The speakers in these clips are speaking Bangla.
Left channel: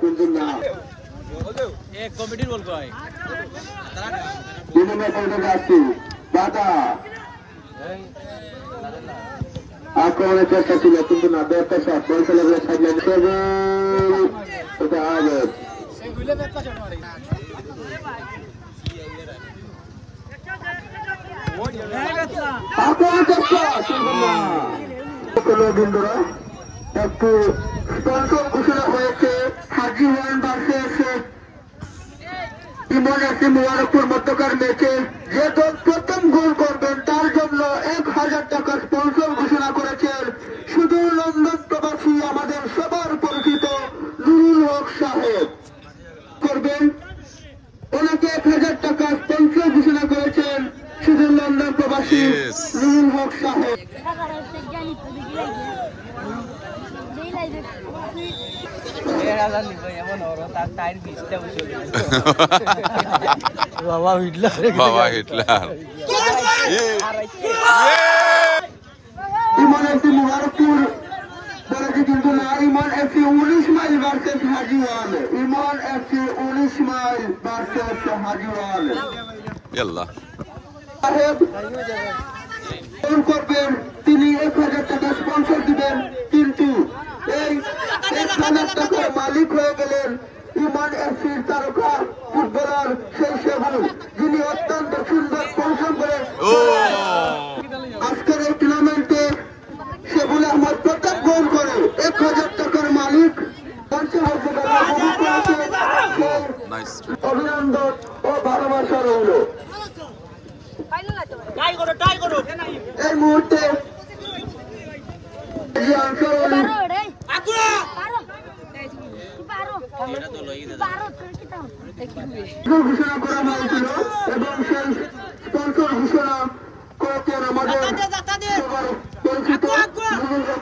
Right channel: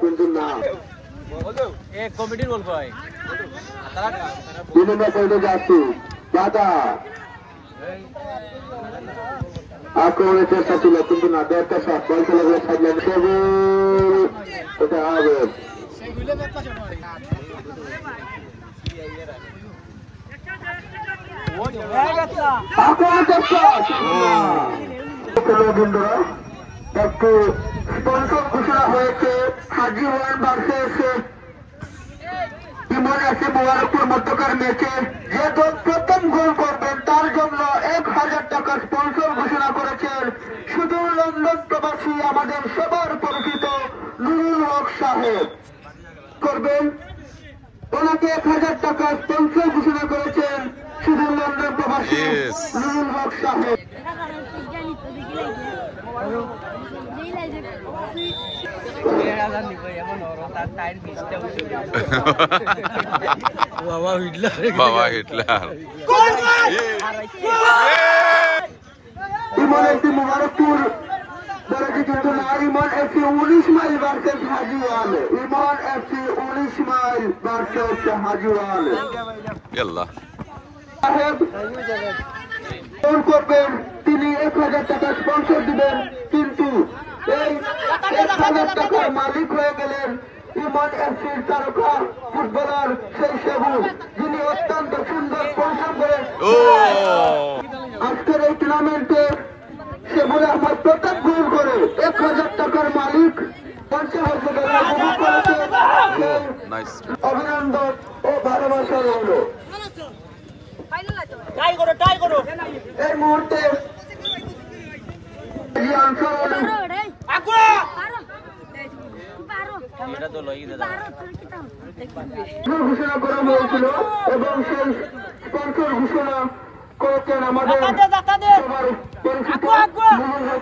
কিন্তু না কমিটির বলবো যাচ্ছি আক্রমণের চেষ্টা ছিল কিন্তু না দেড়টা শট বল খেলা ছাড়লেন এটা হবে বন্ধুরা একটু স্পন্সর ঘোষণা হয়েছে হাজি ওয়ান ভার্সেস ইমন এফসি মুবারকপুর মধ্যকার ম্যাচে যে দল প্রথম গোল করবেন তার জন্য 1000 টাকা স্পন্সর ঘোষণা করেছেন শুধু লন্ডন প্রবাসী আমাদের সবার পরিচিত নুরুল হক সাহেব করবেন ওনাকে 1000 টাকা স্পন্সর ঘোষণা করেছেন শুধু লন্ডন প্রবাসী নুরুল হক সাহেব বাবা হিটলার ইমন এফসি মুবারকপুর কিন্তু না ইমন এফসি 19 মাইল ভার্সেস হাজিওয়াল ইমন এফসি 19 মাইল ভার্সেস হাজিওয়াল ইয়াল্লা ফোন করবেন তিনি 1000 টাকা স্পন্সর দিবেন কিন্তু এই 1000 টাকার মালিক হয়ে গেলেন ইমন এফসির তারকা ফুটবলার সেই সেবুল যিনি অত্যন্ত সুন্দর পরিশ্রম করেন আজকের এই টুর্নামেন্টে সেবুল আহমদ প্রথম গোল করে 1000 টাকার মালিক অভিনন্দন ও ভালোবাসা রইল এই মুহূর্তে ঘোষণা করা হয়েছিল এবং সেই স্পন্সর ঘোষণা করেছেন আমাদের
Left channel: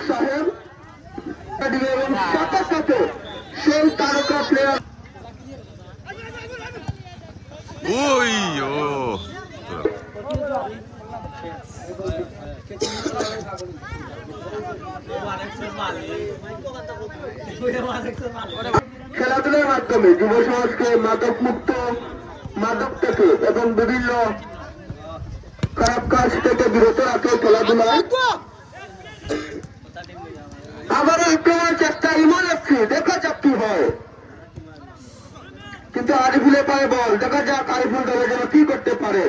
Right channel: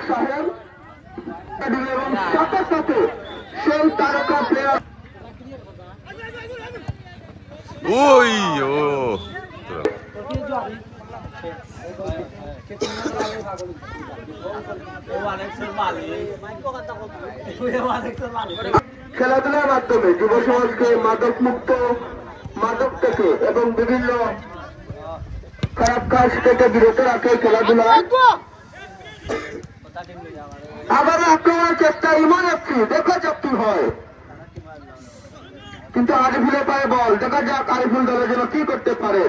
সাহেব এবং সাথে সাথে সেই তারকা প্লেয়ার খেলাধুলার মাধ্যমে যুব সমাজকে মাদক থেকে এবং বিভিন্ন খারাপ কাজ থেকে বিরত রাখে খেলাধুলা আবার আক্রমণের চেষ্টা ইমন এফসি দেখা যাক কি হয় কিন্তু আরিফুলের পায়ে বল দেখা যাক আরিফুল দলের জন্য কি করতে পারে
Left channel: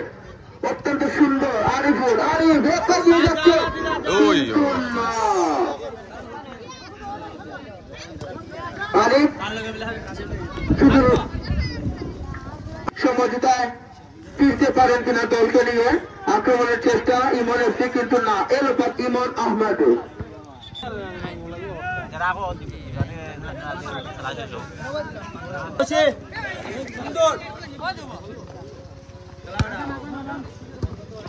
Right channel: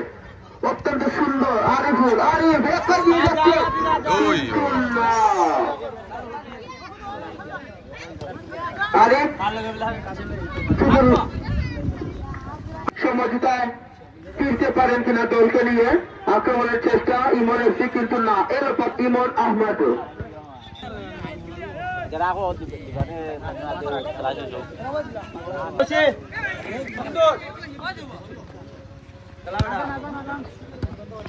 অত্যন্ত সুন্দর আরিফুল সমঝোতায় ফিরতে পারেন কিনা দলকে নিয়ে আক্রমণের চেষ্টা ইমন এফসি কিন্তু না এলো পর ইমন আহমেদ খেলা